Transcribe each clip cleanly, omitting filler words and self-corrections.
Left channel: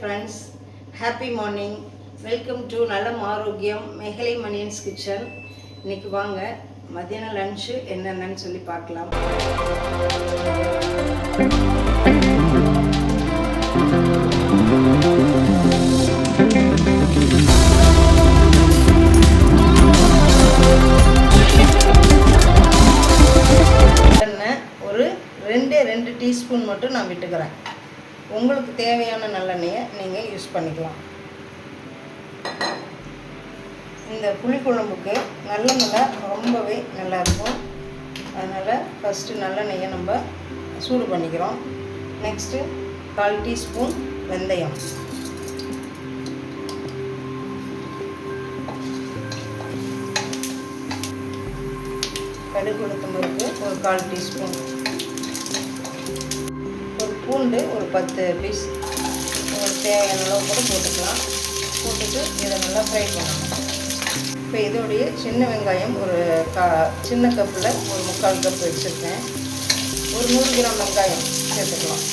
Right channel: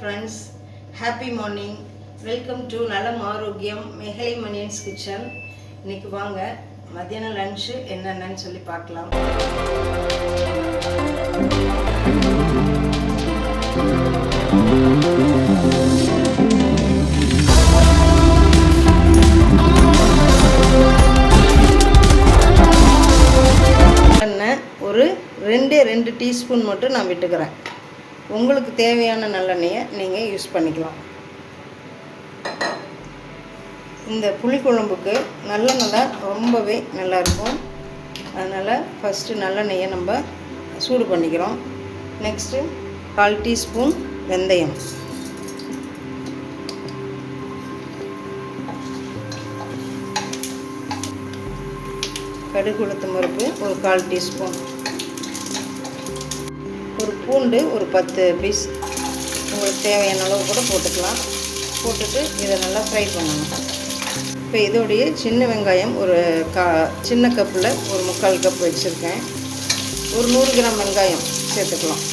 Friends, happy morning. Welcome to நலம் ஆரோக்கியம் மேகலை மணியன்ஸ் கிச்சன். இன்னைக்கு வாங்க மத்தியானம் லன்ச்சு என்னென்னு சொல்லி பார்க்கலாம். ஒரு ரெண்டு டீஸ்பூன் மட்டும் நான் விட்டுக்கிறேன். உங்களுக்கு தேவையான நல்லெண்ணெயை நீங்கள் யூஸ் பண்ணிக்கலாம். இந்த புளிக்குழம்புக்கு நல்லெண்ணெய் ரொம்பவே நல்லாயிருக்கும். அதனால் ஃபஸ்ட்டு நல்லெண்ணெயை நம்ம சூடு பண்ணிக்கிறோம். நெக்ஸ்ட்டு 1/4 டீஸ்பூன் வெந்தயம், கடுகு உளுத்தம் பருப்பு ஒரு 1/4 டீஸ்பூன், ஒரு பூண்டு ஒரு 10 பீஸ், உங்களுக்கு தேவையான அளவு கூட போட்டுக்கலாம். போட்டுட்டு இதை நல்லா ஃப்ரை பண்ணணும். இப்போ இதோடைய சின்ன வெங்காயம் ஒரு சின்ன கப்பில் ஒரு 3/4 கப் வச்சுருக்கேன். ஒரு 100 கிராம் வெங்காயம் சேர்த்துக்கலாம்.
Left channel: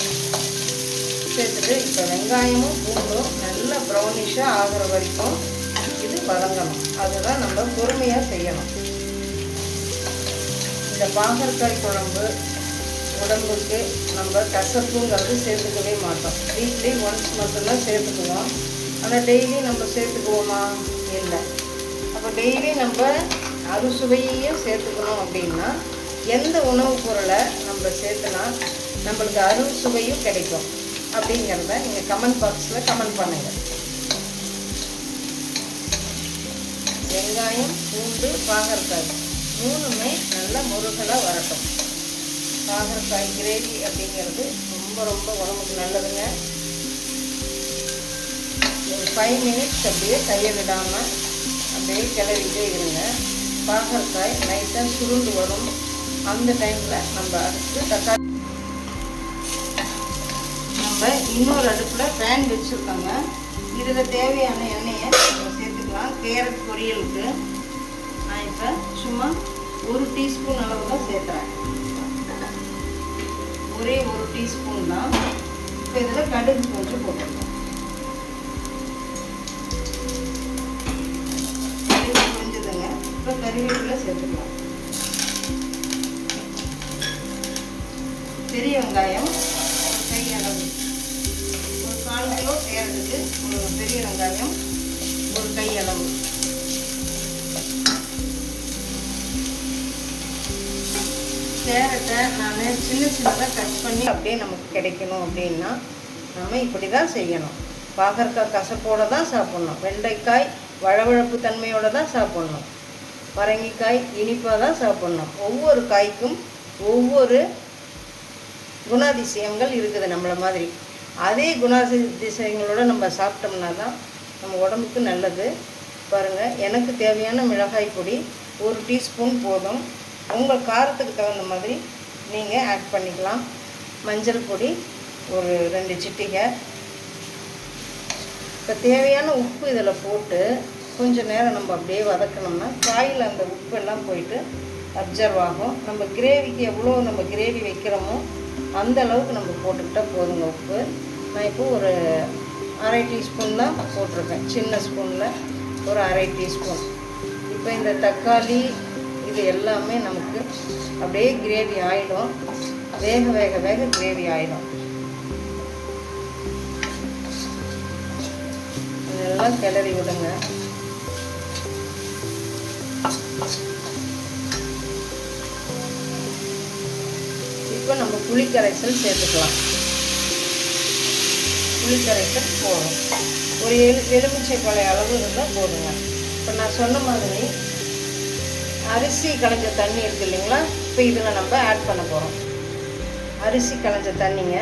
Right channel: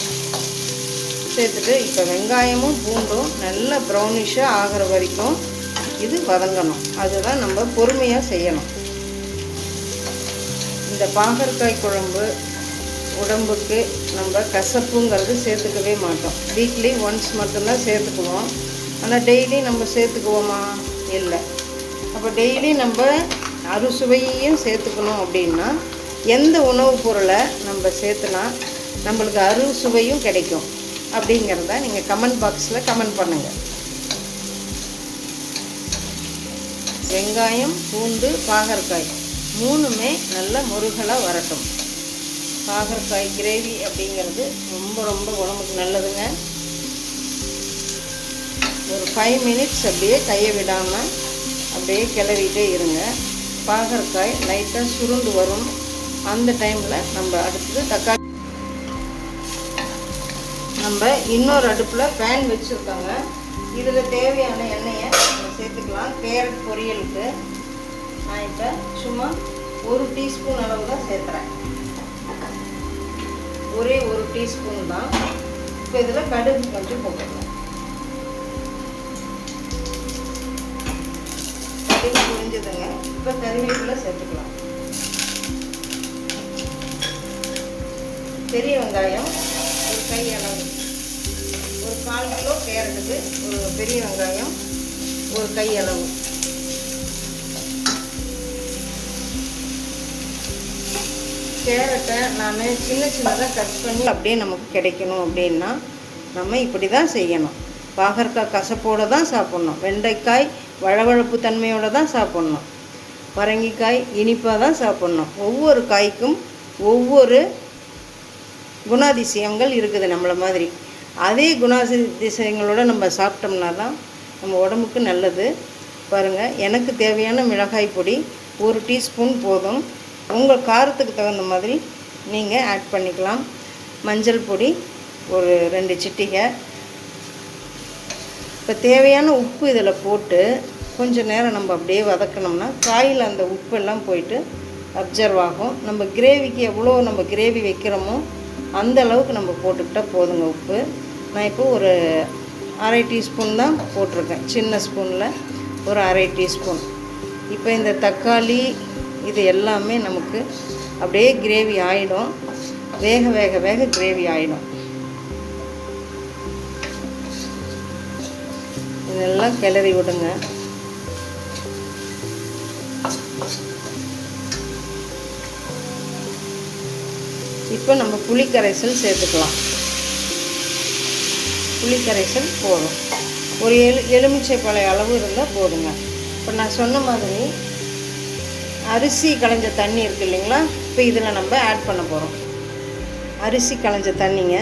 சேர்த்துட்டு இப்போ வெங்காயமும் பூண்டும் நல்லா ப்ரௌனிஷாக ஆகிற வரைக்கும் இது வதங்கணும். அதுதான் நம்ம பொறுமையாக செய்யணும். இந்த பாகற்காய் குழம்பு உடம்புக்கு நம்ம கசப்புங்கிறது சேர்த்துக்கவே மாட்டோம். வீக்லி ஒன்ஸ் மட்டும்தான் சேர்த்துக்குவோம். ஆனால் டெய்லி நம்ம சேர்த்துக்குவோமா? இல்லை. அப்போ டெய்லி நம்ம அறுசுவையையும் சேர்த்துக்கணும் அப்படின்னா எந்த உணவுப் பொருளை நம்ம சேர்த்துனா நம்மளுக்கு அறுசுவையும் கிடைக்கும் அப்படிங்கிறத நீங்கள் கமெண்ட் பாக்ஸில் கமெண்ட் பண்ணுங்கள். வெங்காயம், பூண்டு, பாகற்காய் மூணுமே நல்ல முருகலாக வரட்டும். பாகற்காய் கிரேவி அப்படிங்கிறது ரொம்ப ரொம்ப உடம்புக்கு நல்லதுங்க. ஒரு 5 மினிட்ஸ் அப்படியே கையை விடாமல் அப்படியே கிளறிட்டே இருங்க. பாகற்காய் லைட்டாக சுருண்டு வரும். அந்த டைமில் நம்ம அடுத்து தக்காளி, நம்ம இன்னொரு அடுப்பில் பேன் வச்சுருக்கோங்க. இதில் தேவையான எண்ணெயை சேர்த்துக்கலாம். கேரட் பொரியலுக்கு நான் இப்போ சும்மா 1 டீஸ்பூன் அளவு தான் சேர்த்துறேன். ஒரே 1 டீஸ்பூன் தான். இப்போ இதில் கடுகு கொஞ்சம் போட்டுக்கலாம். கடுகு புரிஞ்சுதுங்க. இப்போ கறிவேப்பிலை சேர்த்துக்கலாம். பெரிய வெங்காயம் ஒரு கை அளவு, ஒரு 4 கிலோ கேரட்டுக்கு ஒரு பெரிய வெங்காயம் ஒரு கை அளவு. கேரட்டை நான் சின்னதாக கட் பண்ணி அப்படியே நமக்கு கிடைக்கணும் அப்படின்னா நம்ம இப்படி தான் செய்யணும். பாகற்காய் கசப்போடு தான் சாப்பிட்ணும். வெண்டைக்காய் வழவழப்பு தன்மையோடு தான் சாப்பிட்ணும். பரங்கிக்காய் இனிப்பாக தான் சாப்பிட்ணும். ஒவ்வொரு காய்க்கும் ஒவ்வொரு குணாதிசயங்கள் இருக்குது நம்மளை மாதிரி. அதே குணாதிசயங்களோடு நம்ம சாப்பிட்டோம்னா தான் நம்ம உடம்புக்கு நல்லது. பாருங்கள், எனக்கு தேவையான மிளகாய் பொடி 1 டீஸ்பூன் போதும். உங்கள் காரத்துக்கு தகுந்த மாதிரி நீங்கள் ஆட் பண்ணிக்கலாம். மஞ்சள் பொடி ஒரு 2 சிட்டிகை. இப்போ தேவையான உப்பு இதில் போட்டு கொஞ்சம் நேரம் நம்ம அப்படியே வதக்கணும்னா காயில் அந்த உப்பெல்லாம் போயிட்டு அப்சர்வ் ஆகும். நம்ம கிரேவிக்கு எவ்வளோ நம்ம கிரேவி வைக்கிறோமோ அந்த அளவுக்கு நம்ம போட்டுக்கிட்டால் போதுங்க உப்பு. நான் இப்போ ஒரு 1/2 டீஸ்பூன் தான் போட்டிருக்கேன். சின்ன ஸ்பூனில் ஒரு 1/2 டீஸ்பூன். இப்போ இந்த தக்காளி இது எல்லாமே நமக்கு அப்படியே கிரேவி ஆகிடும். வேக வேக வேக கிரேவி ஆகிடும். இதெல்லாம் கிளறி விடுங்க. இப்போ நம்ம புளிக்கரைசல் சேர்த்துக்கலாம். புளிக்கரைசல் போடும். ஒரு எலுமிச்சை பழ அளவு இருந்தால் போடுங்க. இப்போ நான் சொன்ன மாதிரி அரிசி களைஞ்ச தண்ணி இருக்குது இல்லைங்களா? இப்போ இதில் நம்ம ஆட் பண்ண போகிறோம். அரிசி களைஞ்ச தண்ணிங்க.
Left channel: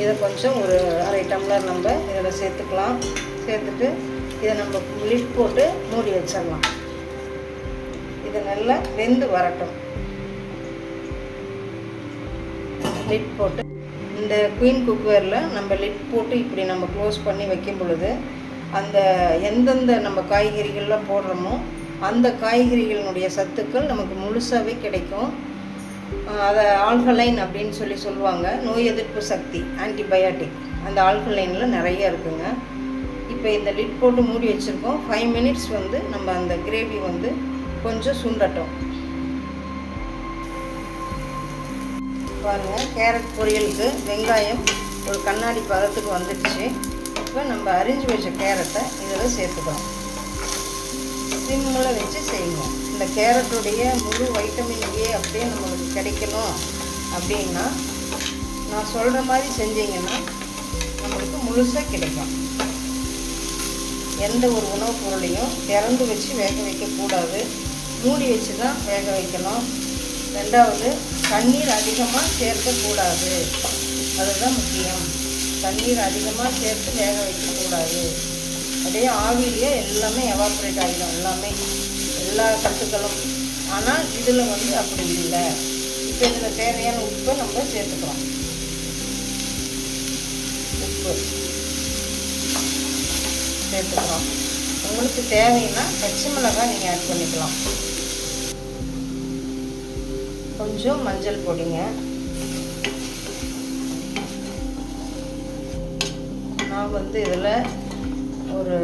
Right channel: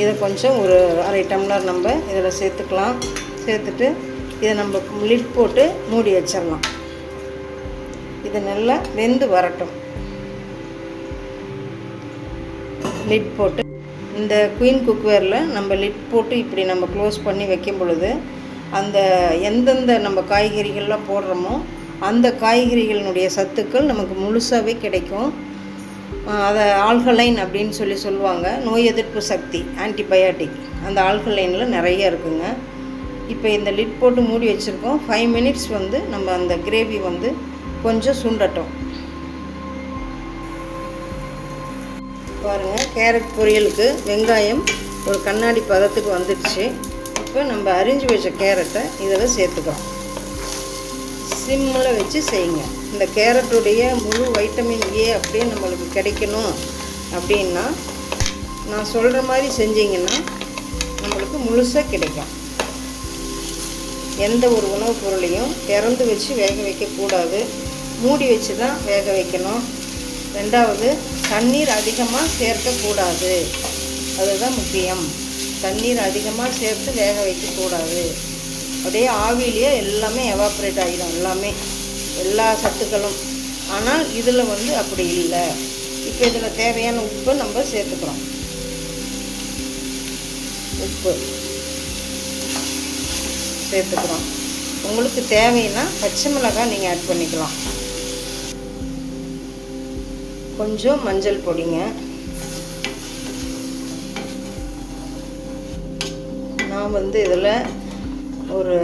இதை கொஞ்சம் ஒரு 1/2 டம்ளர் நம்ம இதில் சேர்த்துக்கலாம். சேர்த்துட்டு இதை நம்ம லிட் போட்டு மூடி வச்சிடலாம். இது நல்லா வெந்து வரட்டும். லிட் போட்டு இந்த குயின் குக்வேரில் நம்ம லிட் போட்டு இப்படி நம்ம க்ளோஸ் பண்ணி வைக்கும் பொழுது அந்த எந்தெந்த நம்ம காய்கறிகள்லாம் போடுறோமோ அந்த காய்கறிகளினுடைய சத்துக்கள் நமக்கு முழுசாகவே கிடைக்கும். அதை ஆல்கலைன் அப்படின்னு சொல்லுவாங்க. நோய் எதிர்ப்பு சக்தி, ஆன்டிபயாட்டிக், அந்த ஆல்கலைனில் நிறைய இருக்குங்க. இப்போ இந்த லிட் போட்டு மூடி வச்சுருக்கோம். 5 மினிட்ஸ் வந்து நம்ம அந்த கிரேவி வந்து கொஞ்சம் சுண்டட்டும். பாருங்கள், கேரட் பொரியலுக்கு வெங்காயம் ஒரு கண்ணாடி பதத்துக்கு வந்துடுச்சு. இப்போ நம்ம அரிஞ்சு வச்ச கேரட்டை இதில் சேர்த்துக்கிறோம். சிம்மில் வச்சு செய்யுங்க. இந்த கேரட்டுடைய முழு வைட்டமின் ஏ அப்படியே நம்மளுக்கு கிடைக்கணும் அப்படின்னா நான் சொல்கிற மாதிரி செஞ்சிங்கன்னா நம்மளுக்கு முழுசாக கிடைக்கும். எந்த ஒரு உணவுப் பொருளையும் திறந்து வச்சு வேக வைக்கக்கூடாது, மூடி வச்சு தான் வேக வைக்கணும். ரெண்டாவது, தண்ணீர் அதிகமாக சேர்க்கக்கூடாது, அதுதான் முக்கியம். தண்ணீர் அதிகமாக சேர்த்து வேக வைக்கக்கூடாது. அப்படியே ஆவிலேயே எல்லாமே எவாப்ரேட் ஆகிடும், எல்லா சத்துக்களும். ஆனால் இதில் வந்து அப்படி இல்லை. இப்போ இதில் தேவையான உப்பு நம்ம சேர்த்துக்கிறோம். உப்பு சேர்த்துக்கிறோம். உங்களுக்கு தேவைன்னா பச்சை மிளகாய் நீங்கள் ஆட் பண்ணிக்கலாம். கொஞ்சம் மஞ்சள் பொடிங்க. நான் வந்து இதில் ஒரு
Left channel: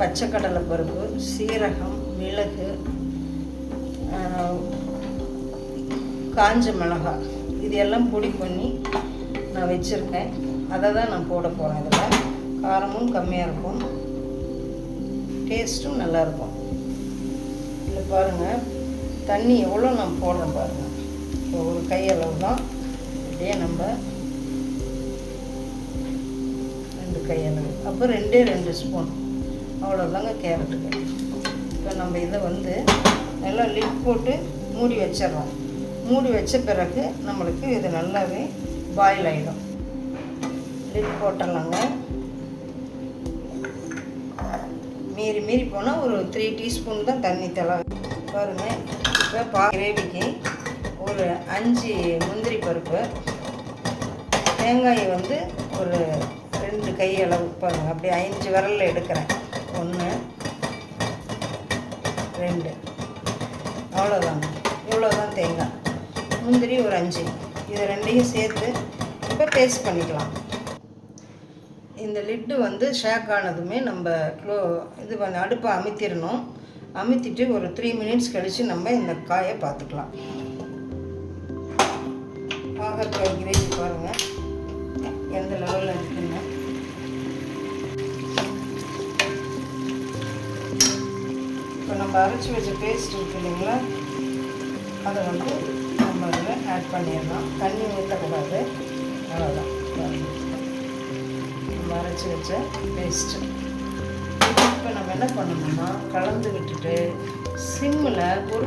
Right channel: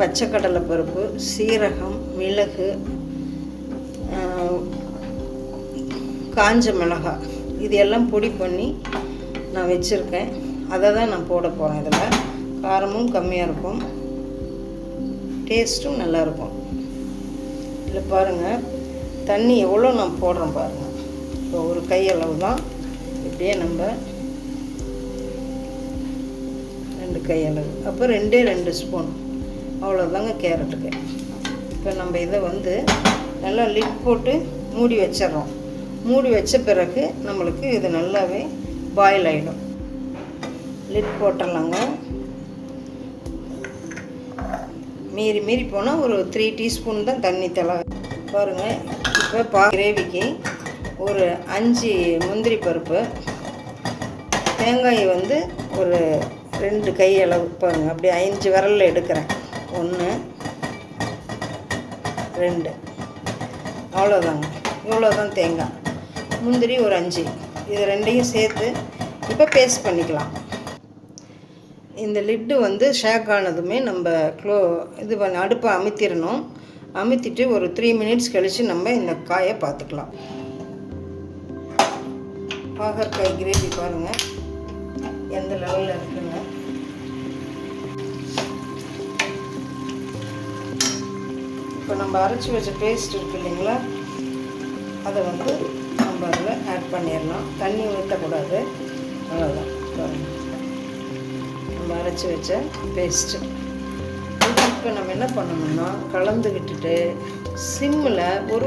பச்சை கடலை பருப்பு, சீரகம், மிளகு, காஞ்ச மிளகாய் இது எல்லாம் பொடி பண்ணி நான் வச்சுருக்கேன். அதை தான் நான் போட போகிறேன். இதில் காரமும் கம்மியாக இருக்கும், டேஸ்ட்டும் நல்லாயிருக்கும். இதில் பாருங்கள், தண்ணி எவ்வளோ நான் போடுறேன் பாருங்கள். இப்போ ஒரு கையளவு தான், இப்படியே நம்ம 2 கையளவு, அப்போ 2 ஸ்பூன், அவ்வளோதாங்க கேரட்டுக்கு. இப்போ நம்ம இதை வந்து நல்லா லிட் போட்டு மூடி வச்சிடறோம். மூடி வச்ச பிறகு நம்மளுக்கு இது நல்லாவே பாயில் ஆகிடும். லிட் போட்டுடலாங்க. மீறி போனால் ஒரு 3 டீஸ்பூன் தான் தண்ணி தேவை. பாருங்கள், இப்போ கிரேவிக்கு ஒரு 5 முந்திரி பருப்பு, தேங்காய் வந்து ஒரு 2 கை அளவு பாருங்க, அப்படியே 5 விரலில் எடுக்கிறேன். 1 2, அவ்வளோதாங்க. இவ்வளோதான் தேங்காய். முந்திரி ஒரு 5, இது 2ஐயும் சேர்த்து இப்போ பேஸ்ட் பண்ணிக்கலாம். இந்த லிட்டு வந்து ஷேக் ஆனதுமே நம்ம இது பண்ண அடுப்பை அமுத்திடணும். அமுத்திட்டு ஒரு 3 மினிட்ஸ் கழித்து நம்ம இந்த காயை பார்த்துக்கலாம். பாகற்காய் கிரேவி பாருங்கள் எந்த லெவலில் இருக்குங்க. இப்போ நம்ம அரைச்சி வச்ச பேஸ்ட் இருக்கு இல்லைங்களா, அதை வந்து நம்ம அதில் ஆட் பண்ணிடலாம். தண்ணி ஊற்றக்கூடாது, அவ்வளோதான். நம்ம அரைச்சி வச்ச பேஸ்ட்டு இப்போ நம்ம என்ன பண்ணணும்னா கலந்து விட்டுட்டு சிம்மில் ஒரு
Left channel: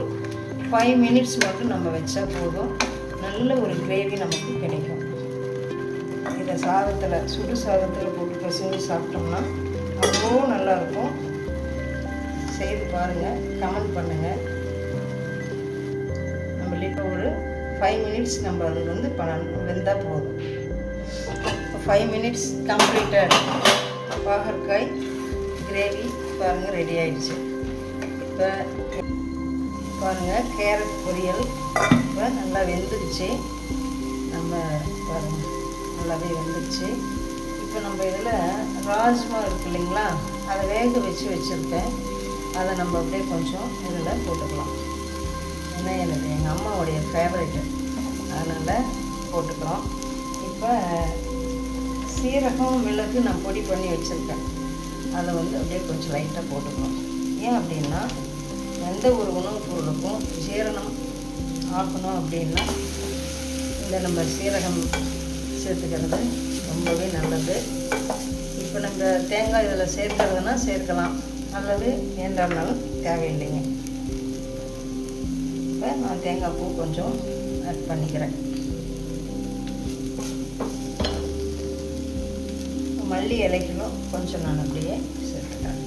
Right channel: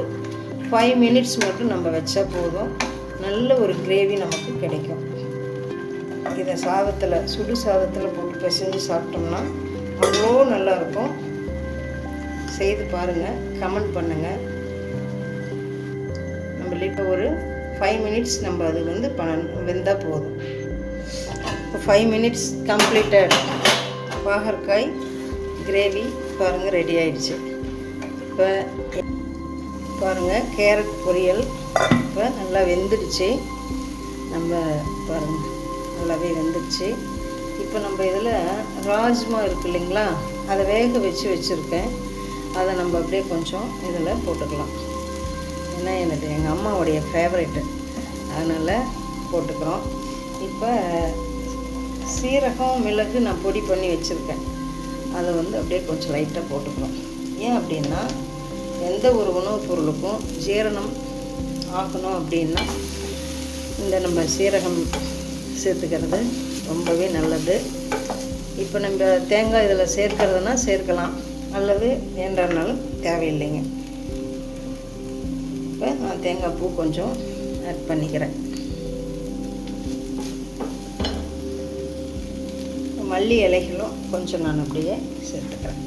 5 மினிட்ஸ் மட்டும் நம்ம வச்சா போதும். நல்ல ஒரு கிரேவி நமக்கு கிடைக்கும். இதை சாதத்தில், சுடு சாதத்தில் போட்டு பிசைஞ்சு சாப்பிட்டோம்னா அவ்வளோ நல்லாயிருக்கும். செய்து பாருங்கள், கமெண்ட் பண்ணுங்கள். நம்மளுக்கு ஒரு 5 மினிட்ஸ் நம்ம அது வந்து வெந்தால் போதும். 5 மினிட்ஸ் கம்ப்ளீட்டட். பாகற்காய் கிரேவி பாருங்கள் ரெடி ஆயிடுச்சு. இப்போ பாருங்கள், கேரட் பொரியல் இப்போ நல்லா வெந்துடுச்சு. நம்ம பாருங்கள் நல்லாவே வெந்துடுச்சு. இப்போ நம்ம இதில் ராஜ்மா இருக்குது இல்லைங்களா, அதை வேக வச்சுருக்கேன். அதை நம்ம அப்படியே கொஞ்சம் இதில் போட்டுக்கலாம். ஏன்னா எனக்கு எங்கள் அம்மாவுடைய ஃபேவரெட்டு, அதனால் போட்டுக்கிறோம். இப்போ சீரகம், மிளகு நான் பொடி பண்ணி வச்சுருக்கேன். அதை வந்து அப்படியே கொஞ்சம் லைட்டாக போட்டுக்கணும். ஏன் அப்படின்னா எந்த ஒரு உணவுப் பொருளுக்கும் ஜீரணம் ஆகணும் அப்படின்னா இந்த நம்ம சீரகம் சேர்த்துக்கிறது ரொம்பவே நல்லது. இப்போ நம்ம தேங்காய் இதில் சேர்க்கிறதுனா சேர்க்கலாம், அல்லது வேண்டாம்னாலும் தேவையில்லைங்க. இப்போ நான் தேங்காய் பூ கொஞ்சம் ஆட் பண்ணிக்கிறேன். மல்லி இலைகளும் கொஞ்சம் நான் அப்படியே சேர்த்துக்கிறேன்.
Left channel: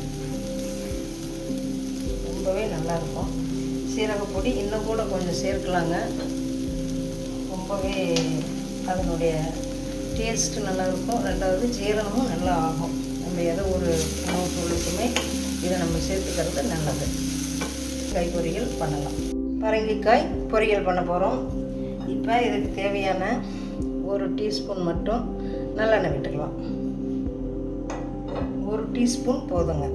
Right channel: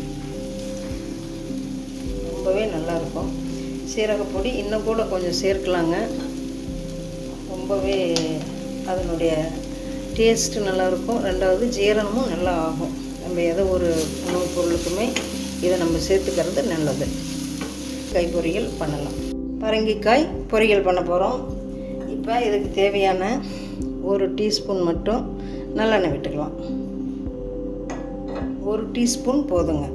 ரொம்பவே நல்லாயிருக்கும். சீரகப்பொடி இன்னும் கூட கொஞ்சம் சேர்க்கலாங்க. ரொம்பவே அதனுடைய டேஸ்ட்டு நல்லாயிருக்கும். ரெண்டாவது ஜீரணமும் நல்லா ஆகும். நம்ம எதோ ஒரு உணவுப் பொருளுக்குமே இதை நம்ம சேர்த்துக்கிறது நல்லது. காய் பொரியல் பண்ணலாம். பரங்கிக்காய் பொரியல் பண்ண போகிறோம். இப்போ இதுக்கு தேவையான 1 டீஸ்பூன் மட்டும் நல்லெண்ணெய் விட்டுக்கலாம். 1 டீஸ்பூன் போதுங்க.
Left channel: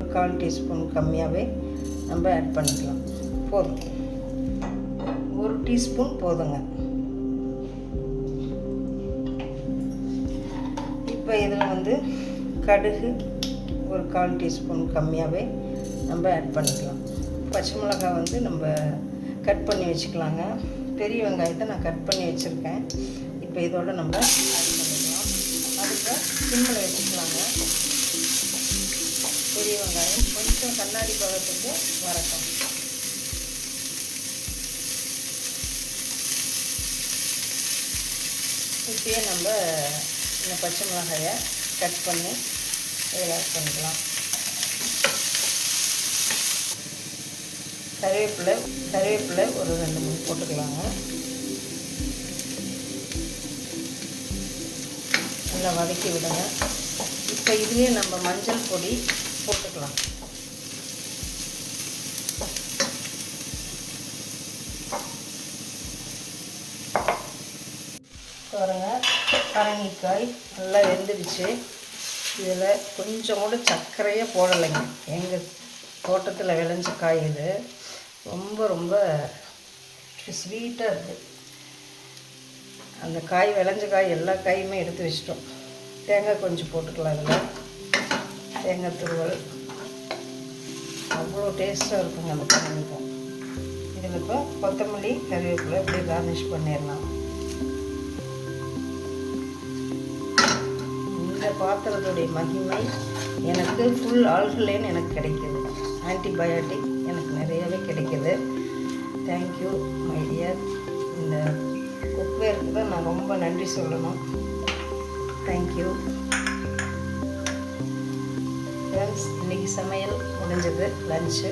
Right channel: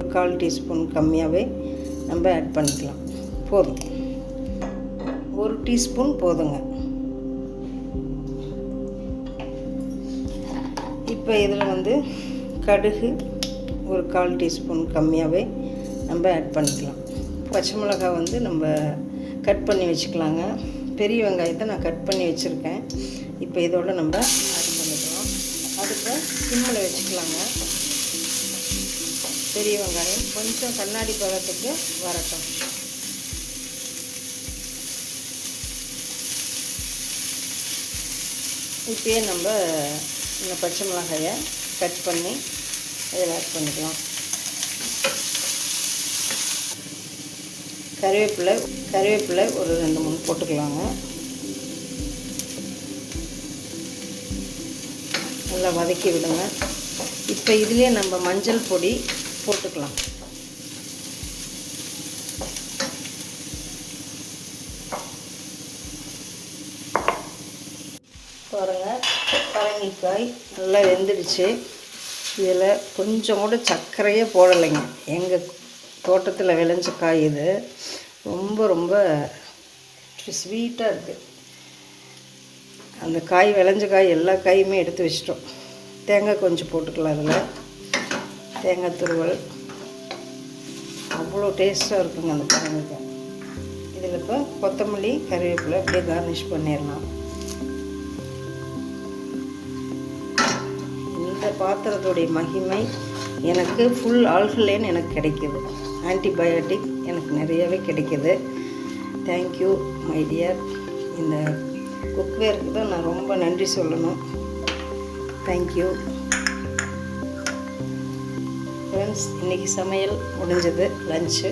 1/4 டீஸ்பூன் கம்மியாகவே நம்ம ஆட் பண்ணிக்கலாம். போதும், 1 டீஸ்பூன் போதுங்க. இப்போ இதில் கடுகு 1/4 டீஸ்பூன் கம்மியாகவே நம்ம ஆட் பண்ணிக்கலாம். பச்சை மிளகாய் நம்ம கட் பண்ணி வச்சுக்கலாங்க. பெரிய வெங்காயத்தை நான் கட் பண்ணி வச்சுருக்கேன். இப்போ இதோட நம்ம ஆட் பண்ணிக்கலாம். அதுக்கு சிம்மில் வச்சுக்கலாங்க. பெரிய வெங்காயம் கொஞ்சம் கண்ணாடி பழத்துக்கு வரட்டும். இப்போயே நம்ம இந்த பச்சை மிளகாயை கட் பண்ணி இதில் ஆட் பண்ணிக்கலாம். கருவேப்பிலை ஒரு 2-3 போட்டுக்கலாங்க. நல்லா வதக்கி விடுங்க. இப்போ இதுலேயே நம்ம மஞ்சள் பொடி போட்டுக்கலாம். பாருங்கள், பரங்கிக்காய் நல்லா வெந்துடுச்சு. இதில் கொஞ்சம் கூட சர்க்கரையே போடலைங்க. எங்கள் தோட்டத்தில் விளைஞ்ச காய் இது. ரொம்ப ரொம்ப ஸ்வீட்டாக இருக்குது. அந்த காய் விளைஞ்ச காய் எல்லா காயுமே எடுத்து வச்சிட்டோம். தேங்காய் கொஞ்சம் போட்டுக்கலாம். அதில் தேங்காய் துருவல் அவ்வளோ டேஸ்ட்டாக இருக்குங்க அந்த பரங்கிக்காய். இதில் இப்போ கொத்தமல்லி கருவேப்பிலை அப்படியே கார்னிஷ் பண்ணிடலாம். இந்த பாத்திரத்துடைய மகிமை எனக்கு ஃபுல் ஆல்கலைன் எனக்கு கிடைக்கிது. ஆன்டிபயோட்டிக் எனக்கு நிறையவே கிடைக்கிது. Thank you my dear. இந்த குக்வேருக்கு தான் நான் ரொம்ப நன்றி சொல்லணும். Thank you friends. இன்றைக்கி சமையல் முடிஞ்சது, லஞ்சு.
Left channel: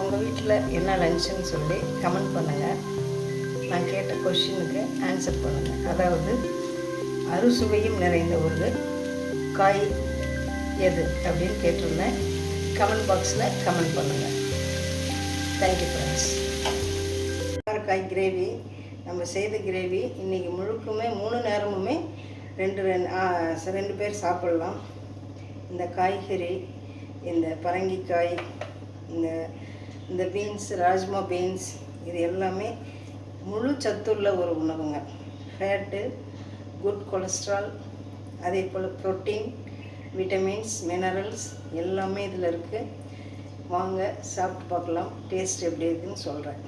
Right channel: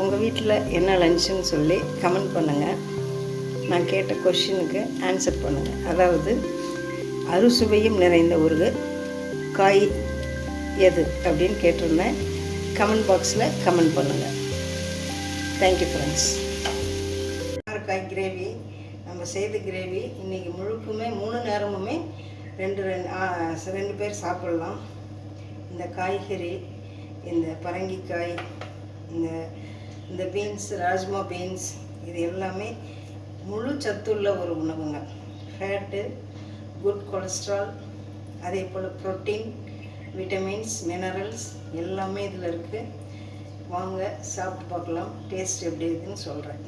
உங்கள் வீட்டில் என்ன லஞ்சுன்னு சொல்லி கமெண்ட் பண்ணுங்கள். நான் கேட்ட கொஷினுக்கு ஆன்சர் பண்ணுங்கள். அதாவது அறுசுவையும் நிறைந்த ஒரு காய் எது அப்படின்னு கேட்டிருந்தேன். கமெண்ட் பாக்ஸில் கமெண்ட் பண்ணுங்கள். Thank you friends. காய் கிரேவி நம்ம செய்த கிரேவி இன்றைக்கி முழுக்குமே 3 நேரமுமே 2 பேர் சாப்பிட்லாம். இந்த காய்கறி, இந்த பரங்கிக்காய், இந்த பீன்ஸ், ராஜ்மா பீன்ஸ், இது எல்லாமே முழு சத்துள்ள ஒரு உணவுங்க. ஃபேட்டு, குட் கொலஸ்ட்ரால், அதே போல் ப்ரோட்டீன், விட்டமின்ஸ், மினரல்ஸ் எல்லாமே இதில் இருக்குது. வாங்க சாப்பிட்டு பார்க்கலாம். டேஸ்ட் எப்படி இருக்குதுன்னு சொல்கிறேன்.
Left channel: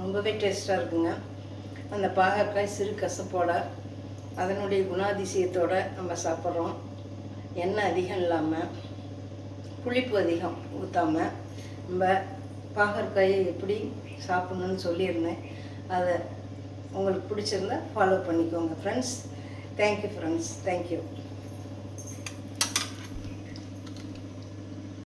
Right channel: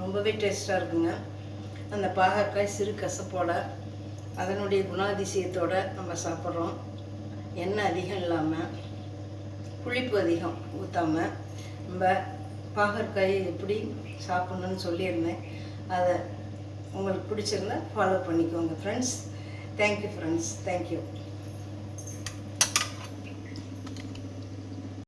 ரொம்பவே டேஸ்ட்டாக இருக்குங்க. அந்த பாகற்காய் சிறு கசப்போட அதனுடைய குணாதிசயத்தோடு நம்ம சாப்பிட்றோம். எண்ணெய் அதிகம் இல்லாமல், புளிப்பு அதிகம் ஊற்றாமல் நம்ம பாகற்காயை எப்படி சாப்பிட்ணுன்னு சொல்லியிருந்தேன். அதை உங்களுக்கு பிடிச்சிருந்தா ஃபாலோ பண்ணிக்கோங்க ஃப்ரெண்ட்ஸ். Thank you friends. தேங்க்யூ.